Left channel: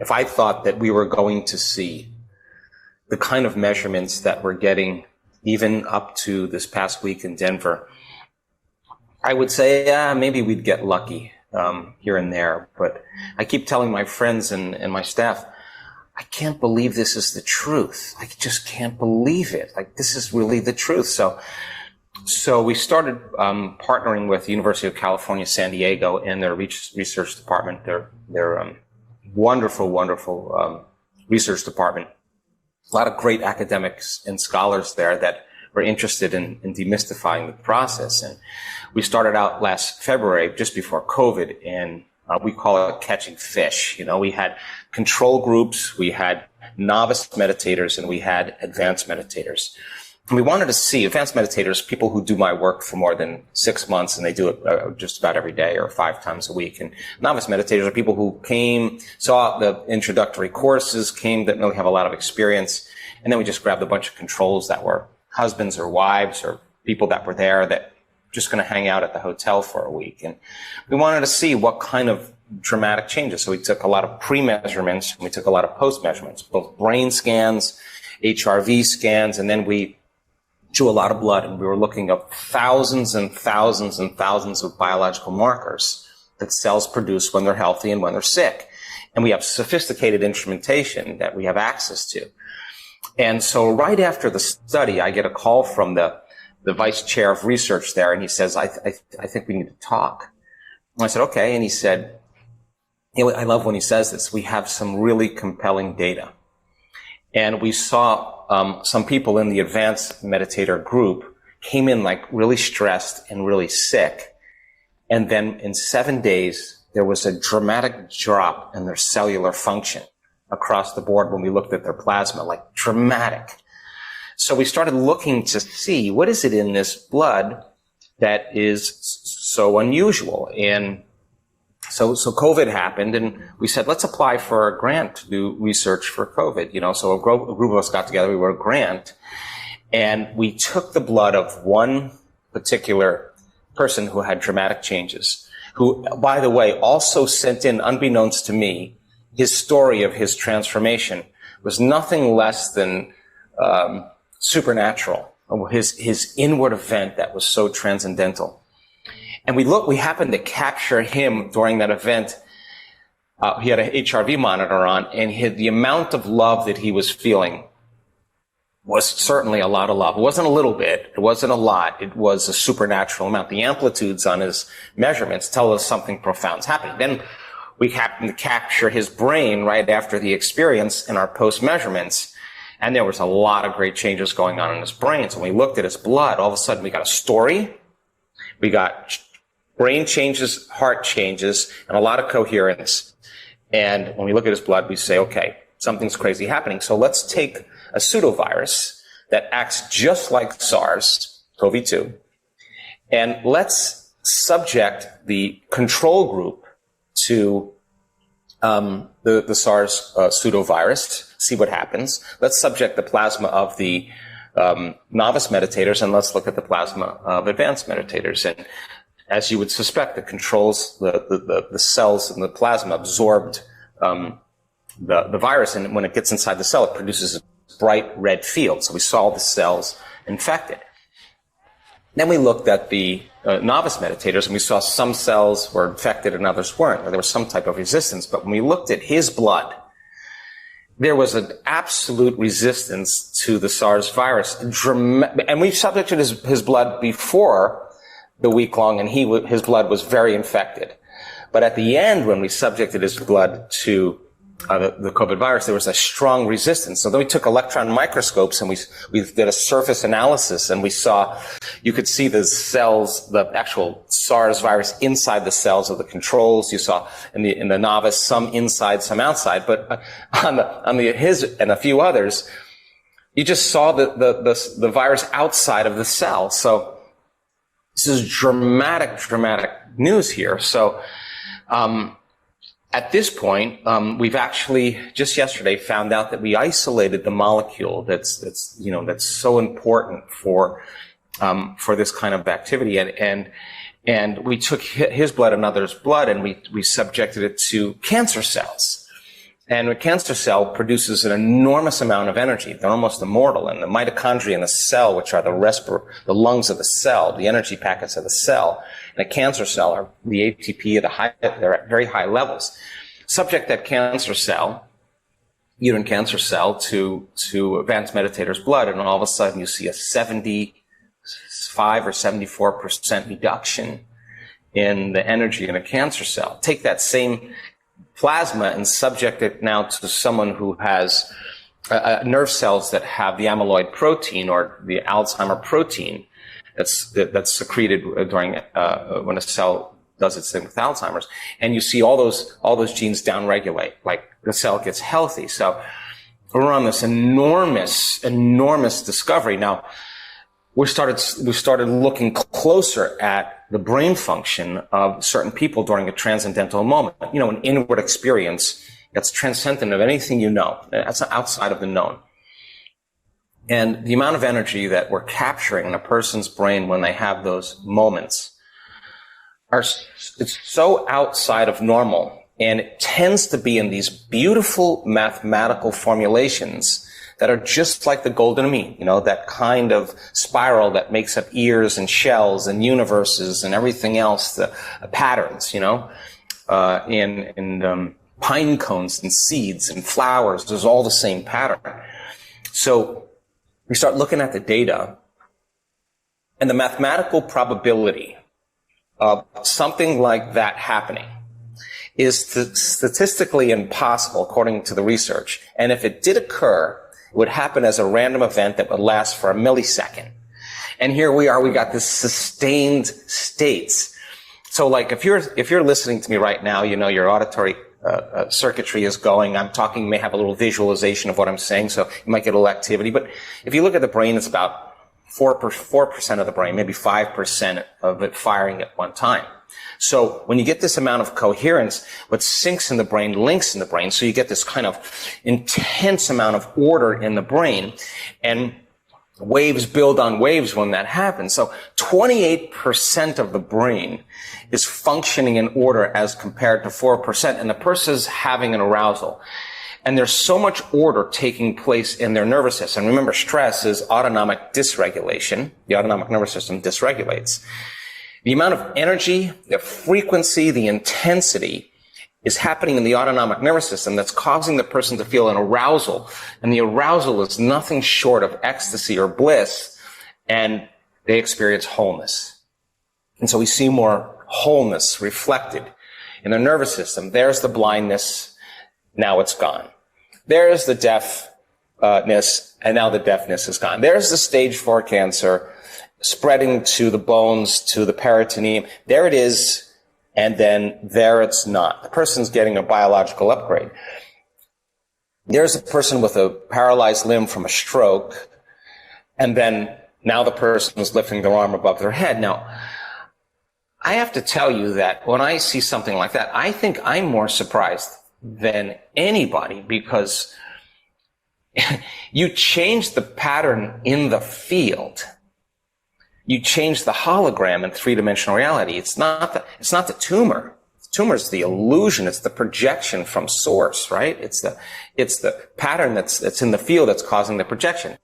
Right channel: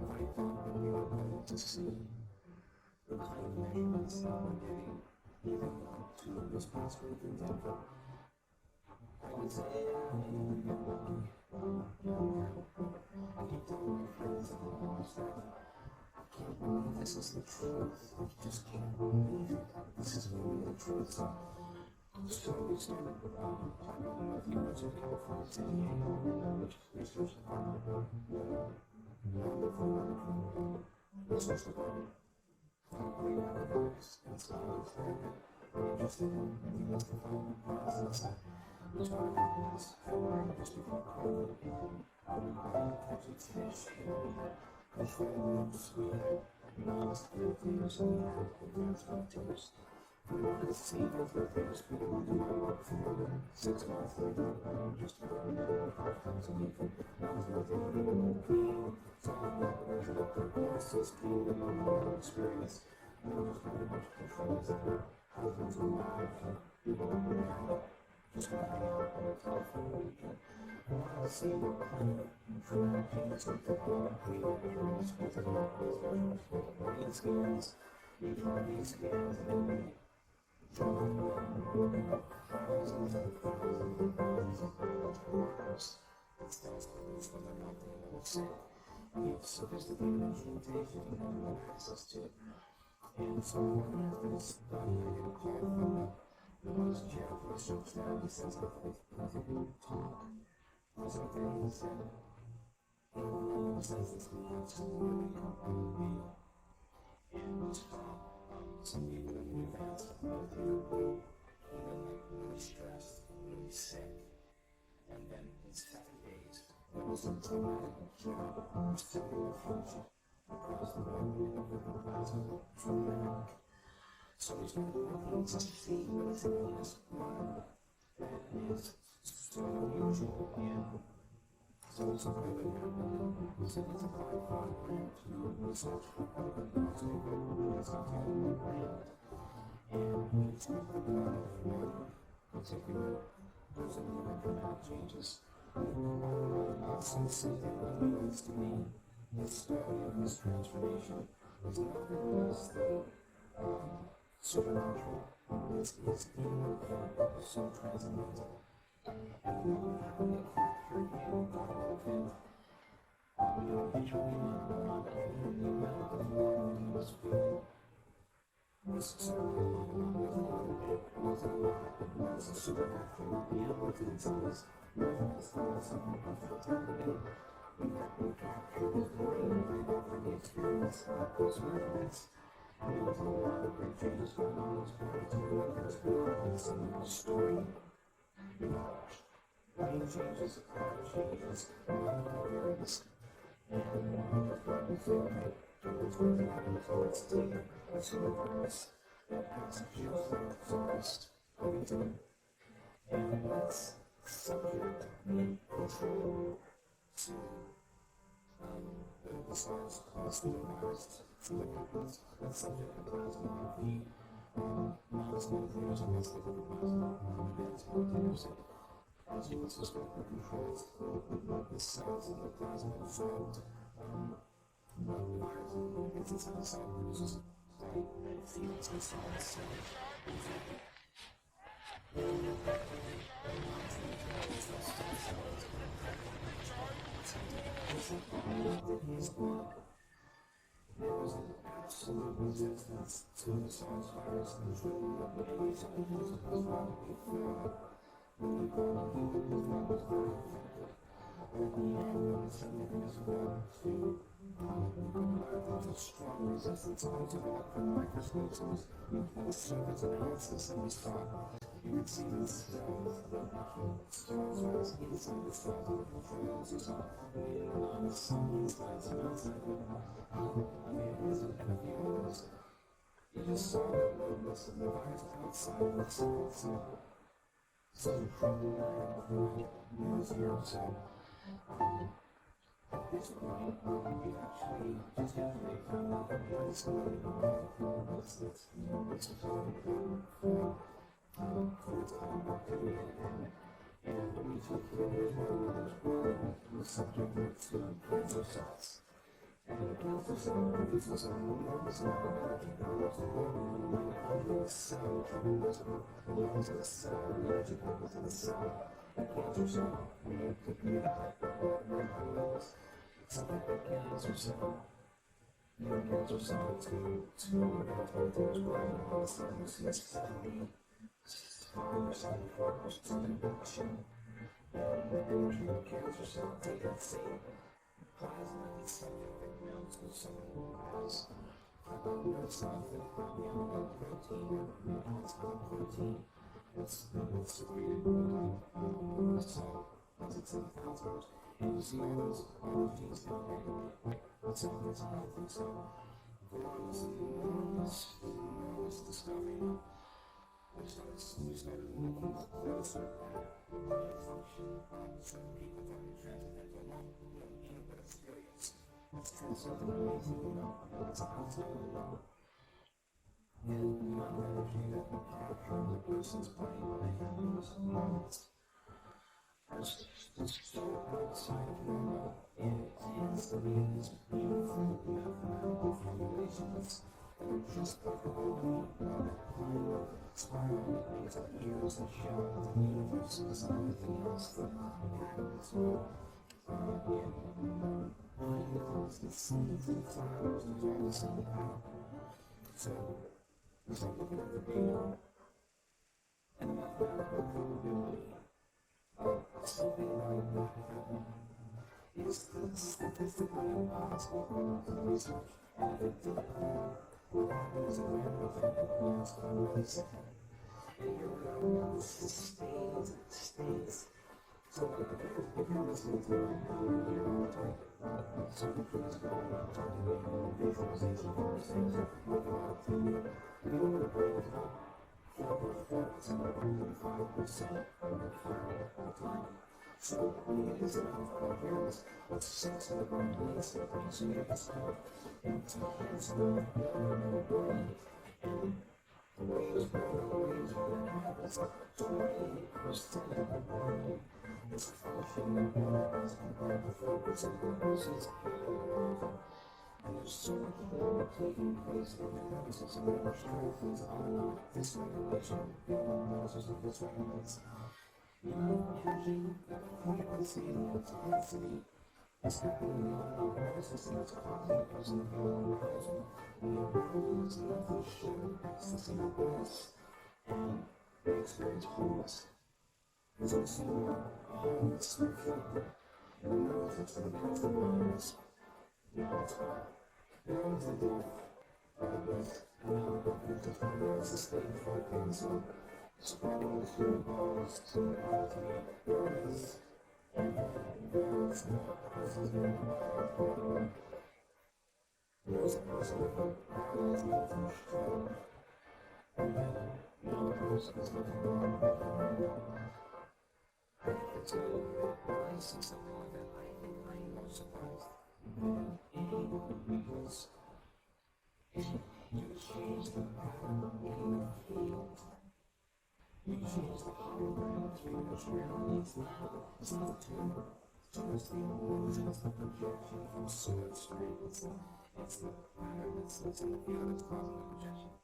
if I thought that we were going to see the kind of measurements that we're getting even up to this past week in Denver, I would say, maybe we'd get lucky here and there. But I keep telling my friends and my staff, I can't believe this is the truth. I just can't believe it. Like, this is really the truth. So we started partnering with the University of California, San Diego, and their research department, their wonderful, wonderful research department. A lot of great academics and scholars there that were interested in demystifying the process. And we started out last February, just before COVID, and we call it catching fish. You know, we had control groups, we had novice meditators, and we had advanced meditators. And we wanted to see advanced meditators, people who do my work for more than 6 months, and they do it just about every day or 5 times a week. And novice meditators are people who came, saw the introductory courses, didn't really have a lot of experience, and then we just grabbed a bunch of controls that were husbands or wives or people that were there that just going to hang out at the hotel for a week. And we wanted to see what kind of dramatic changes. So we took a lot of pre-measurements, and we took a lot of post-measurements, both brain scans, HRV scans, and then we drew a lot of blood, and we were looking up thousands and thousands and thousands of biological markers that cells produce when they're healthy and when they're sick. And we have sophisticated instrumentation that we have access to. And so right after the study, I get a call from the vice chair of research there, and he says, I think we need to talk. And I said, okay. And he said, you know, I love when he says this, we have some really compelling data. And we saw some people in the advanced meditator group came in like really stressed and really sick. And then in 7 days, there was a dramatic drop in their cellular function across the board when we looked at their plasma, like dramatic. So we started looking to see what is it in this blood that is so unusual. And so COVID happened, and we said, let's apply for a grant to do research for COVID. You know, so a group of us got together, we wrote a grant, and we took the blood of one particular person who had dramatic changes, who, by the way, also sent in, unbeknownst to me, his story of his transformation was nothing less than supernatural, his inward event that was so transcendental. And we happened to capture him during that event. He had a HRV monitor on, and the amount of love that he was feeling was certainly a lot of love. It wasn't a little bit, it wasn't a lot, it was a supernatural amount. The amplitudes on his measurements tell us something profound's happening. Then we happened to capture his brain right after the experience in our post-measurements, and there was a lot of great changes going on in his brain. So when we looked at his blood, all of a sudden we got a story, we got brain changes, heart changes, and a lot of coherence. And when we look at his blood, we say, okay, something's crazy happening. So let's take a pseudovirus that acts just like SARS-CoV-2, and let's subject the control group to the SARS pseudovirus, see what happens. Let's subject the plasma of the novice meditators, and let's look at the plasma of advanced meditators. And as you would suspect, the controls, the cells in the plasma absorbed the virus, and when it gets inside the cell, it produces a bright red field. So we saw the cells infected. Then we looked at the novice meditators, and we saw some cells were infected and others weren't, or there was some type of resistance. But when we looked at his blood, there was an absolute resistance to the SARS virus. And we subjected his blood before the week long, and his blood was very infected. But at the end, when we subjected his blood to the COVID virus, there was a strong resistance. So then we took electron microscopes, and we did a surface analysis, and you could see the cells, the actual SARS virus inside the cells of the controls. You saw in the novice some inside, some outside, but on his and a few others, you just saw the virus outside of the cell. So this is dramatic news here. So at this point, we've actually just yesterday found out that we isolated the molecule that's so important for this kind of activity, and we took his blood and others' blood, and we subjected it to cancer cells. And a cancer cell produces an enormous amount of energy. They're almost immortal. And the mitochondria in the cell, which are the lungs of the cell, the energy packets of the cell, and a cancer cell are the ATP they're at very high levels. Subject that cancer cell, uterine cancer cell, to advanced meditator's blood, and all of a sudden you see a 75 or 74% reduction in the energy in a cancer cell. Take that same plasma and subject it now to someone who has nerve cells that have the amyloid protein or the Alzheimer protein that's secreted during when a cell does its thing with Alzheimer's, and you see all those genes downregulate, like the cell gets healthy. So we're on this enormous discovery. Now we started looking closer at the brain function of certain people during a transcendental moment, an inward experience that's transcendent of anything you know. That's outside of the known. And the amount of energy that we're capturing in a person's brain when they have those moments it's so outside of normal, and it tends to be in these beautiful mathematical formulations that are just like the golden mean, that kind of spiral that makes up ears and shells and universes and everything else, the patterns, in pine cones and seeds and flowers. There's all the same pattern. So we start looking at the data, and the mathematical probability of something like that happening is statistically impossible according to the research. And if it did occur, it would happen as a random event that would last for a millisecond. And here we are, we got this sustained states. So like if you're listening to me right now, your auditory circuitry is going, I'm talking, you may have a little visualization of what I'm saying, so you might get a little activity. But if you look at the brain, it's about 4% of the brain, maybe 5% of it firing at one time. So when you get this amount of coherence, what syncs in the brain links in the brain, so you get this kind of intense amount of order in the brain, and waves build on waves when that happens. So 28% of the brain is functioning in order as compared to 4%, and the person's having an arousal. And there's so much order taking place in their nervous system. Remember, stress is autonomic dysregulation. The autonomic nervous system dysregulates. The amount of energy, the frequency, the intensity is happening in the autonomic nervous system that's causing the person to feel an arousal. And the arousal is nothing short of ecstasy or bliss, and they experience wholeness. And so we see more wholeness reflected in the nervous system. There's the blindness, now it's gone. There's the deafness, and now the deafness is gone. There's the stage 4 cancer spreading to the bones, to the peritoneum. There it is, and then there it's not. The person's getting a biological upgrade. There's a person with a paralyzed limb from a stroke, and then now the person is lifting their arm above their head. Now, I have to tell you that when I see something like that, I think I'm more surprised than anybody, because you change the pattern in the field. You change the hologram in three-dimensional reality. It's not the tumor. The tumor is the illusion. It's the projection from source, right? It's the pattern that's in the field that's causing the projection.